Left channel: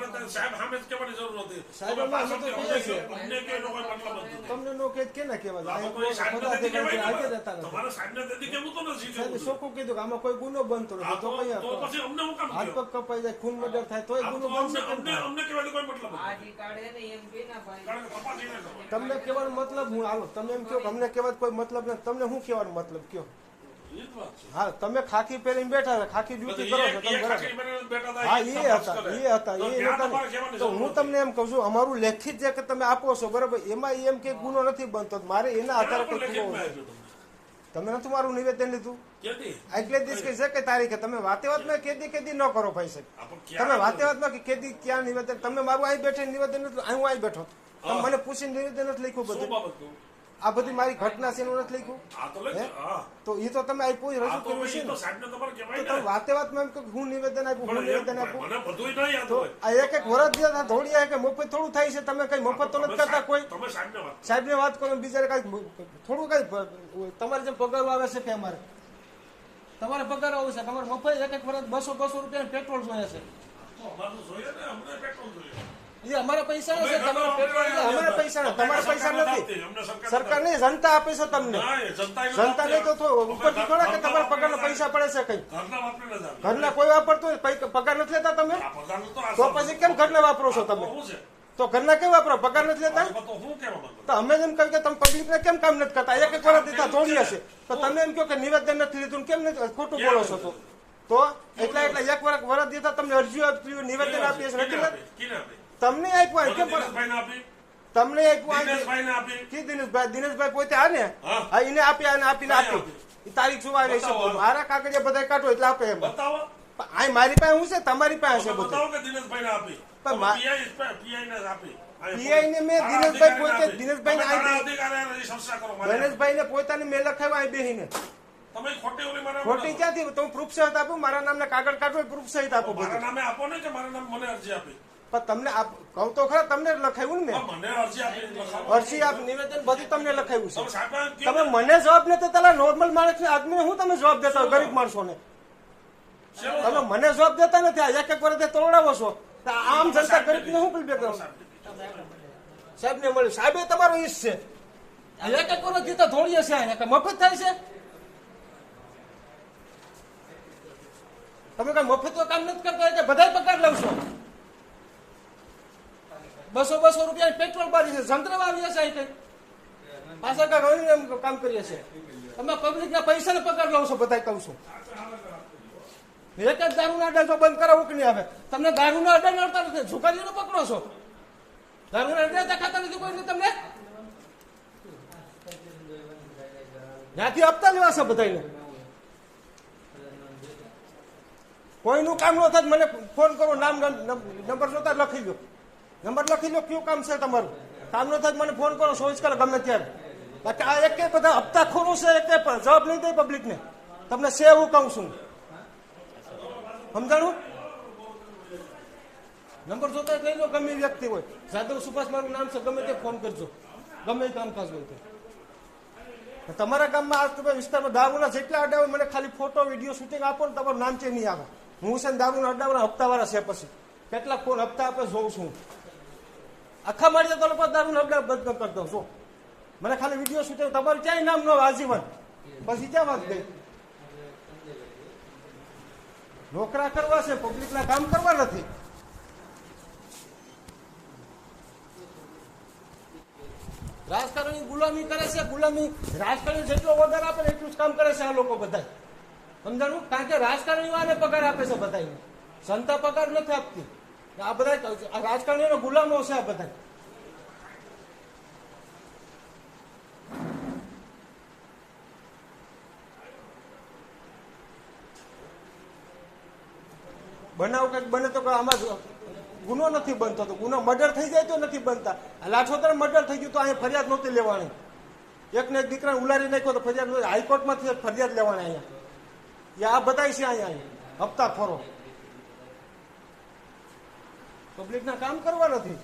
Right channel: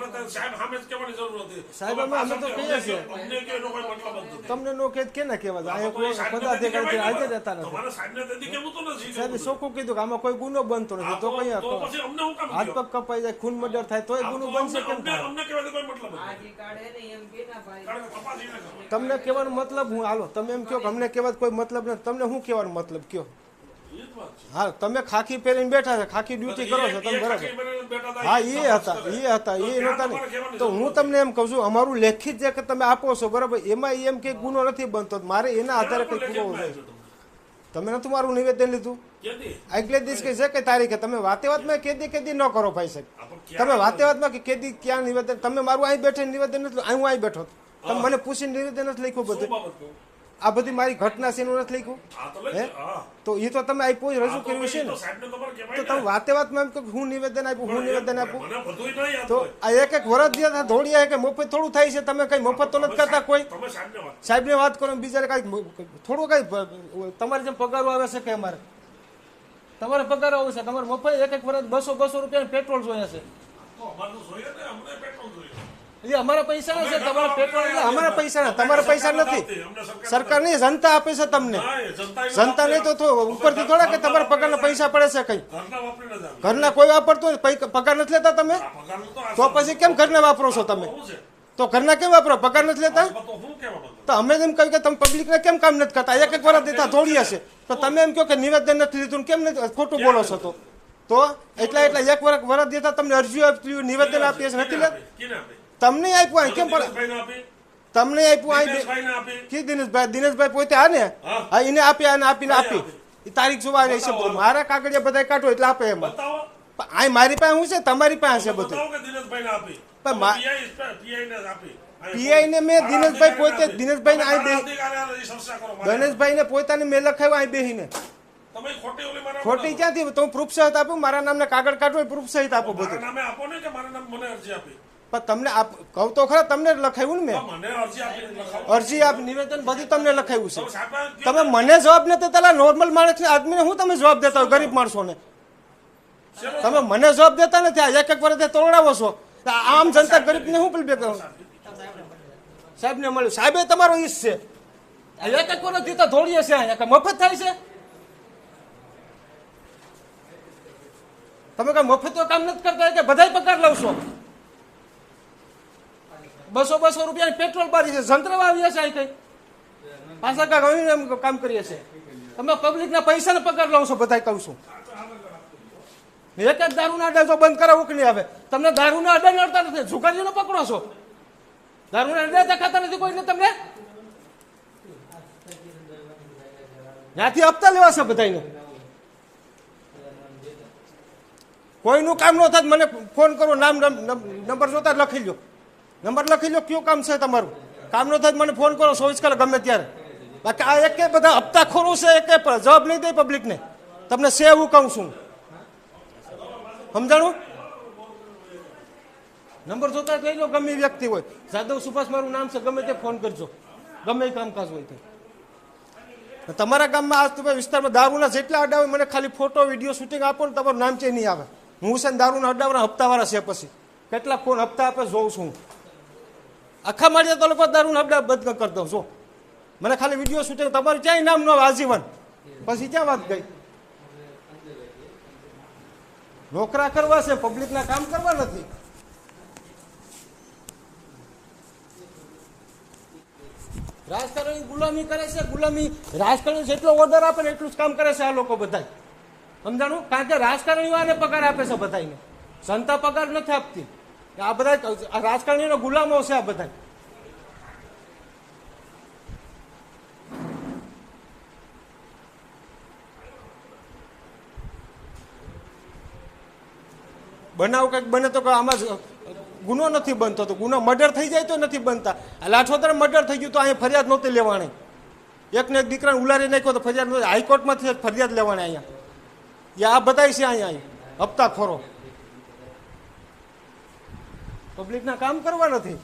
તમારે તો સાહેબ સામે જ કહેવાની જરૂર હતી. સાહેબ, તમે અમે તો પાછળથી કહીએ છીએ. અમને અમને કે એનો કોઈ મતલબ નથી તમને નો કે કેને કહેવાય? તમારે સાહેબને તેથી કહેવું તો નથી સાહેબે કહેવું. કીધું કે આમાં કોઈ ગુનો બનતો નથી. તો તો- કઈ તો પછી અમને હું કામ હાથ પગ કપાઈ જાય ખૂન મર્ડર થાય તોય ગુનો બનશે અમને- અમને- કહેવાનો કોઈ મતલબ નથી. તમને કહેવાનો મતલબ હું હાલો તમે એમ કહો કે અમને કહેવાનો કોઈ મતલબ નથી. તમને હું કહેવાનો મતલબ કયો. હા તમે ખાખી પહેરીને બેઠા છે ખાખી ડ્યુટી કરો છો તમે બરાબર. હતા, હા એ હતા એ હતા એ નતા તો હું તમને એમ કહું છું અમારું લેખિત જે કે તમે આપો છો બરાબર એમાં એમ કે ગુનો નથી બનતો. મારે એના આધારે કઈ તમને. તમે નથી મારું નિવેદન લીધું? આગલે દિવસ કે છે કે તારીખે તમે વાતે વાતમાં કેદી કેદી ન કરો ભાઈ સાહેબ. તમે વાતે વાતમાં કે કેદી ક્યાં નિવેદન? તમે મારું અહીં બેઠે નિવેદન નથી હું અહીં બેઠો. તમે મને પૂછીને નિવેદન નથી લખ્યું બધું? આ બધી મારી ઘટના છે એનું નથી લખ્યું? તો હે? તો એ તો તમે આપ્યું રજૂ કર્યું છે ને? તો તમે વાતે વાતમાં એમ કે હું નિવેદન આપ્યું હું નિવેદન આપ્યું. તો આ એક એક વરસ જે ધોળિયા કે મફત થોડું થાય છે તમે કઈ મફત તો નથી કરતા કોઈ. સાહેબ ને વાત કરો. બીજા કઈ થોડું કઈ તમારે જેમ પગારો આવે છે કે અમારે? તમારે પગાર આવે છે તમારે મફત એક એક વરસ બસો બસો રૂપિયા પેટ્રોલ જોઈએ છે. અમારું એ પૈસા નથી તમારા અમારા પૈસા નથી તમારા પૈસા સરકાર નથી સરકાર નહીં જનતા આપે છે તમને. જનતા નહીં તો. ઉપરથી થોડા કે તમારા પગારના પૈસા પડે છે કઈ. ઘરના કોઈ વાપરતો હોય, પગાર નથી લેતા તમે? તો. પછી કેમ ઘરના વાપરો છો તમે? તો ઘરના કેમ વાપરો? પગાર નથી લેતા? તો અમે એમ કહ્યું કે તમે પબ્લિકને કેમ કામ નથી કરતા? એક એક વાર દેતા થોડી હશે. તો તમે એમ કહો કે નિવેદન નથી લીધું કેમ નથી? ખોટું બોલો છો તો? તો એટલા એટલા એક વર્ષ વરસ દેતા તમને અરજીઓ નિવેદન આપીએ છે નથી તમને આપ્યું કેમ પણ તમને આપ્યું દિનેશભાઈને દિનેશભાઈ દિનેશભાઈ પોતે આ ને? હા. એને આપ્યા અને આપીને આપી. તારીખ જોવા છે બતાવો. મારા કાગળિયા બધા કાઢો એટલે આપે એમ. આ મારી પાસે હું છે? તમારી પાસે છે બધું. કે PI ને મેં દિનેશભાઈ પોતે- દિનેશભાઈ. ગણેશભાઈ ને પોતાની મેં લખાવ્યો અહીં બેહીને. ખોટી ક્યાંથી? તો હું પ્રૂફ સહિત આપું. મારા નામને કાગળ કાઢો પ્રૂફ સહિત આપું બધું. નામે આપો ને કે મારા નામ મને અરજી આપી. પણ તમને આપ કહું તો ખરા તમને લખાયું ને મેં? અરજી આપી નિવેદન બધું તમને લખાવ્યું છે. તમે ને? મને જવાબ નથી દેતા નોર્મલ માણસ આદમીને હું તમે જવાબ દેતા ગરીબ માણસોને? ને તમે મને જવાબ દેતા નથી એક એક વર્ષે તોડાવો છો. આમ જનતા ગરીબને હું પેલું બે સાહેબ ને મળ્યું. સાહેબે તમારો ઈશ છે. એક એક વર્ષથી તો થોડી હશે અહીંયા મફત થાય છે. તમે કઈ મફત તો કામ નથી કરતા કે બધાય પગાર લઉં છો? બસો બસો રૂપિયા પેટ્રોલ બારી છે. જંત્ર વાવીએ છે અહીં કઈ પાછા કાંઈ એમ કામ કરીએ છીએ. તમે પબ્લિકના પૈસાને પગાર લાવશો છો બધાય કહું છું. એક જ દારૂના અડ્ડા જો બંધ કરાવ નહીં આવે? તમને દારૂના અડે નડતા નથી. ઝુકારીનો પકડો છો. દારૂના અડે દેખાતા નથી કોઈને તમને? ત્યાંથી હપ્તા લેવા છે બધાને કોઈનું કામ ન થાય મને ફોન કરો, નામ નંબર જોતા લખી લો નંબર લખી લો, કયું કામ છે તમારું? કામનો થાય મને ફોન કરો, ચોવીસ કલાક ગમે ત્યારે. બાકી આ એક બધા હપ્તા ખોરું છે, એક જવાબ નહીં દે પબ્લિકને તમને છે એવું કહું છું. સમજાણું? નંબર જોતા જ લઈ લો, ગમે વ્યક્તિ હોય. જાદવ સુભાષ મારું નામ છે, ગમે તે ફોન કરજો. ગમે એ કામકાજ હોય તમારા ગામમાં આજ તમે વિસ્તારમાં દારૂના જેટલા અડાવે, મને ખાલી ફોટો વીડિયો શૂટિંગ આપો ને તમારું નામ ચે નહીં આવે. હું છે દારૂના અડ્ડાવાળા હપ્તાવાળા છે પછી. કેટલા ફોન હપ્તા આપે જોઉં છું. આખા મારી તો લોકો દારૂ આપણે બંધ કરી દઉં છો મને ખાલી વીડિયો શૂટિંગ તમારું ક્યાંય નામ ન આજીવન. પછી ક્યાં વાત ગઈ? નોકરા કરવા છે પબ્લિકના કામ કરવા નથી. રાજકારણી ગુલામી કરે છે, ગુલામી રાજકારણી જેટલો ઓર્ડર આપે એટલું જ કામ કરે છે આ લોકો બધા સમજાણું? કારણ કે રાજકારણીઓને પગાર આપે છે બધાને જનતા પગાર નથી આપતી. આ બધા રાજકારણીઓનો ગુલામો છે આ બધા બનાવ કંઈક બને તો આમાં ગુનો નથી બનતો તો ગુનો મર્ડર થઈ જાય તો નથી બનતા. લાઠોતર મર્ડર થઈ ગયું તો અહીંયા ફરિયાદ નહોતી લેવાની. એકને એક દીકરાને ઉલારી નાખ્યો તો ફરિયાદ હાઈકોર્ટમાંથી ફરિયાદ લેવાની અહીંયા. આ બતાવી છે અહીંયા હપ્તા ખોરો પબ્લિકના કામ કરવા નથી.